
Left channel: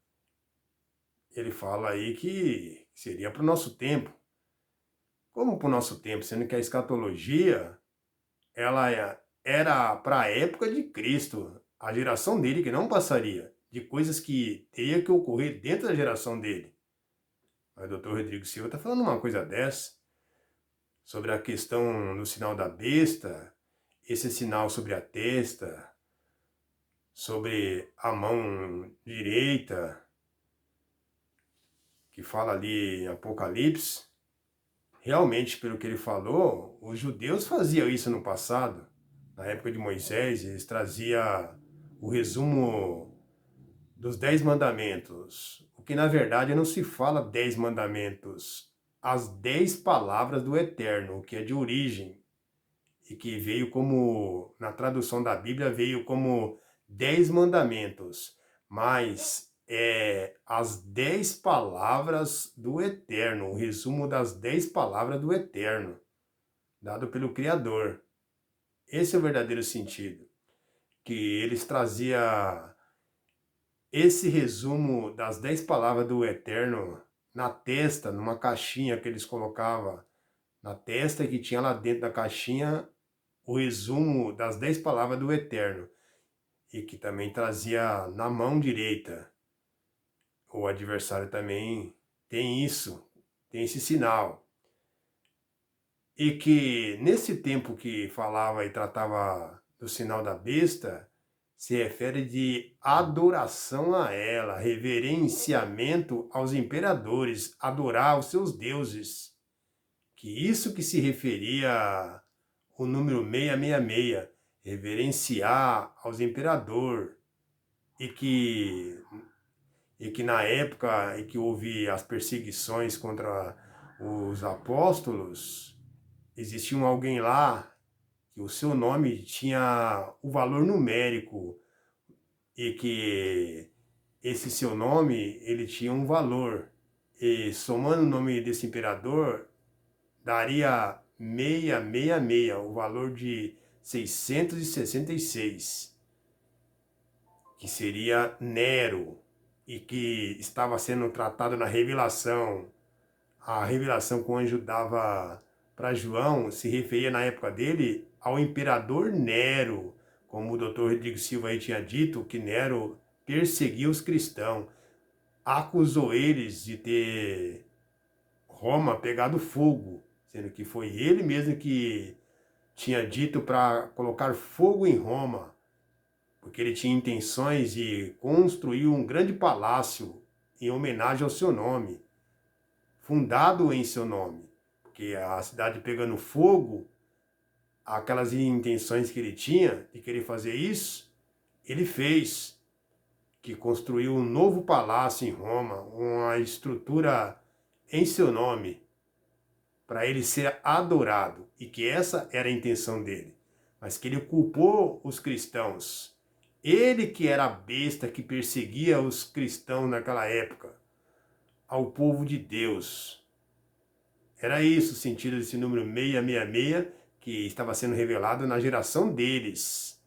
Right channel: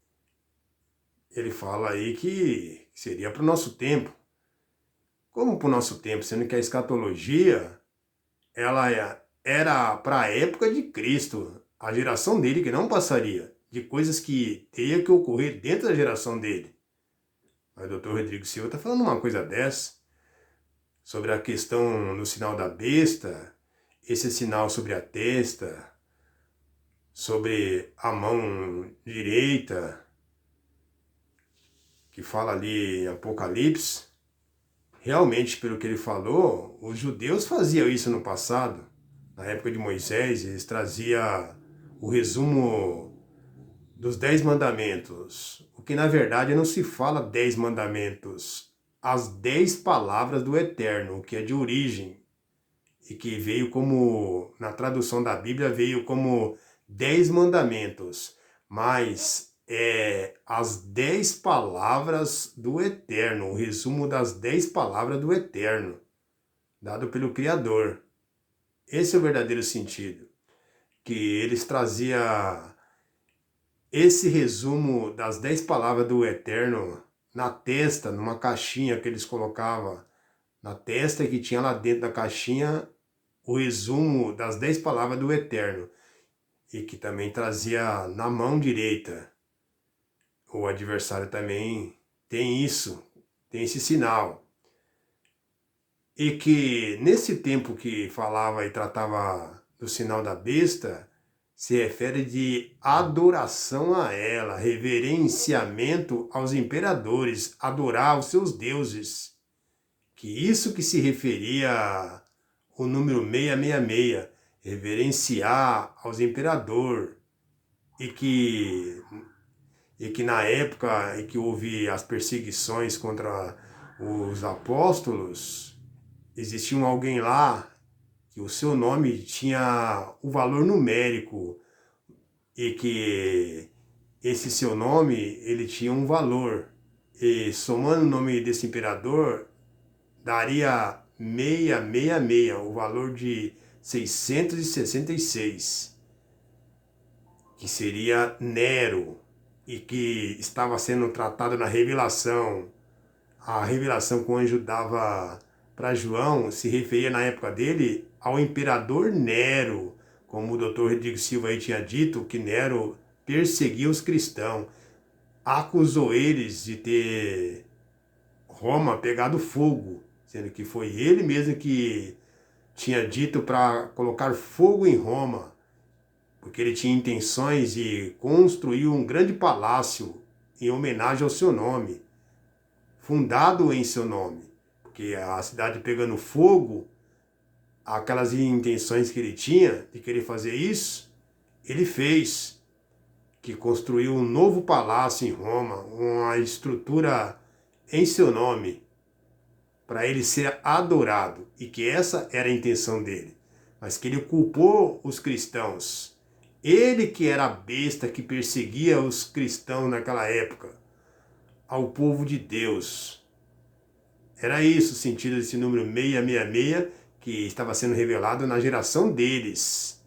ele fala aí que seria para o nosso tempo. Como para o nosso tempo? Sendo que a escatologia, ela era para a época de Cristo, a geração dele que não passaria, de coisas que teria que ocorrer dentro da geração dele. Mas o Dr. Rodrigo Silva está falando uma coisa dessa, sobre a questão do sinal da besta, esse sinal sobre a testa, sobre a mão direita, que fala ali em Apocalipse. Realmente, pelo que ele falou, os judeus faziam isso no passado. Na época de Moisés, eles traziam o resumo dos 10 mandamentos. O que na verdade não se fala 10 mandamentos, as 10 palavras do Eterno, o que é de origem, e que veio como, na tradução da Bíblia, veio como 10 mandamentos, mas as 10 palavras do Eterno, o resumo das 10 palavras do Eterno, dado pelo Criador. Esse é o verdadeiro sentido, que eles traziam esse resumo das 10 palavras do Eterno na testa, numa caixinha que eles colocavam na testa, que tinha lá dentro da caixinha o resumo das 10 palavras do Eterno, e que também trazia na mão direita. O adversário também tem isso, tem esse sinal. E que nesse tempo que falava e tratava do sinal da besta, se refere de adoração a ela, reverenciamento aos imperadores, adorar os seus deuses. Que isso que se referia o número 666, reverenciar aos imperadores, e que na época em que houve as perseguições contra os apóstolos, existia alguém lá que o seu nome tinha o valor numérico, e que esse seu nome, ele tinha um valor. E somando o nome desse imperador, daria 666, o valor de 666, que seria Nero, e que estava sendo tratado na revelação. A revelação que o anjo dava para João se referia na época dele ao imperador Nero, como o Dr. Rodrigo Silva aí tinha dito, que Nero perseguiu os cristãos, acusou eles de ter Roma pegado fogo, sendo que foi ele mesmo que tinha dito para colocar fogo em Roma, porque ele tinha intenções de construir um grande palácio em homenagem ao seu nome, fundado em seu nome, porque a cidade pegando fogo, aquelas intenções que ele tinha de querer fazer isso, ele fez, que construiu um novo palácio em Roma, uma estrutura em seu nome, para ele ser adorado, e que essa era a intenção dele, mas que ele culpou os cristãos. Ele que era a besta que perseguia os cristãos naquela época, ao povo de Deus. Era isso o sentido desse número 666, que estava sendo revelado na geração deles,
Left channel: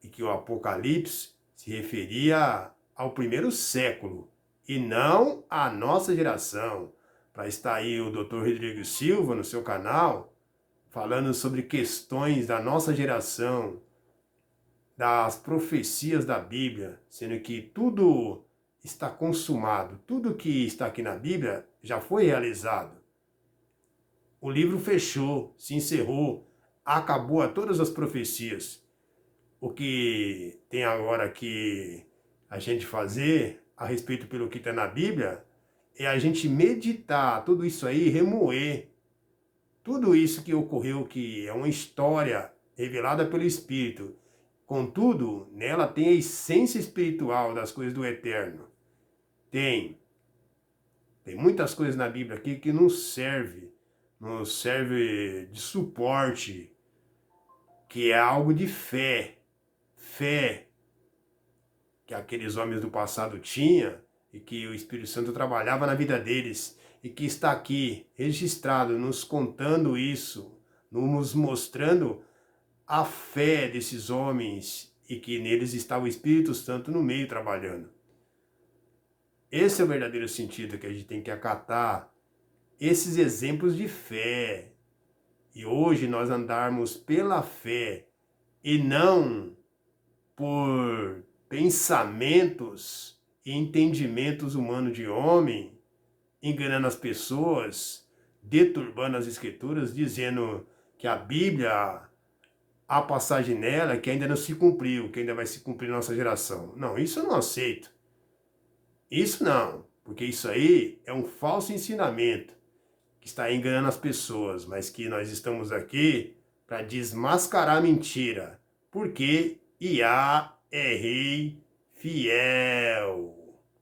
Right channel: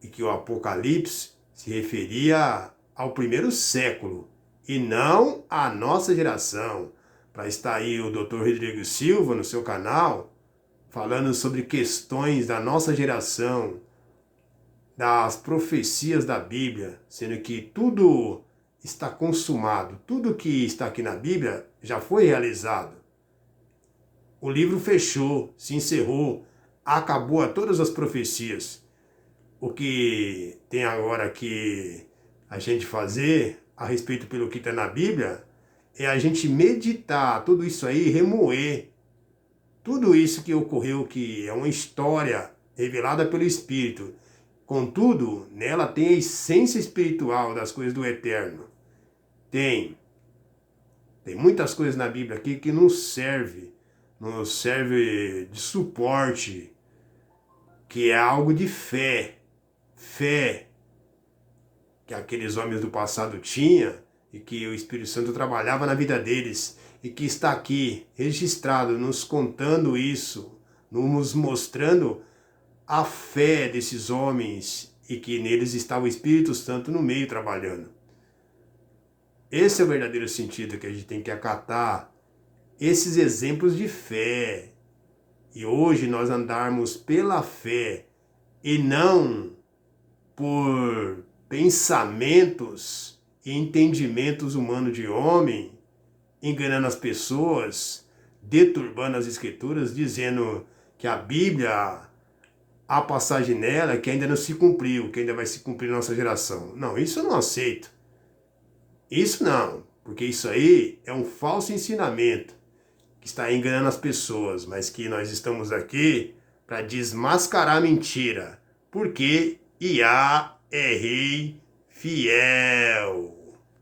e que o Apocalipse se referia ao primeiro século, e não à nossa geração. Para estar aí o Dr. Rodrigo Silva no seu canal, falando sobre questões da nossa geração, das profecias da Bíblia, sendo que tudo está consumado, tudo que está aqui na Bíblia já foi realizado. O livro fechou, se encerrou, acabou a todas as profecias. O que tem agora que a gente fazer a respeito pelo que está na Bíblia é a gente meditar tudo isso aí, remoer tudo isso que ocorreu, que é uma história revelada pelo Espírito. Contudo, nela tem a essência espiritual das coisas do eterno. Tem muitas coisas na Bíblia aqui que nos serve de suporte, que é algo de fé que aqueles homens do passado tinham e que o Espírito Santo trabalhava na vida deles e que está aqui registrado, nos contando isso, nos mostrando a fé desses homens e que neles estava o Espírito Santo no meio trabalhando. Esse é o verdadeiro sentido que a gente tem que acatar, esses exemplos de fé. E hoje nós andarmos pela fé e não por pensamentos e entendimentos humanos de homem, enganando as pessoas, deturbando as escrituras, dizendo que a Bíblia, há passagem nela que ainda não se cumpriu, que ainda vai se cumprir na nossa geração. Não, isso eu não aceito. Isso não, porque isso aí é um falso ensinamento que está enganando as pessoas, mas que nós estamos aqui para desmascarar a mentira, porque Iá é rei fiel.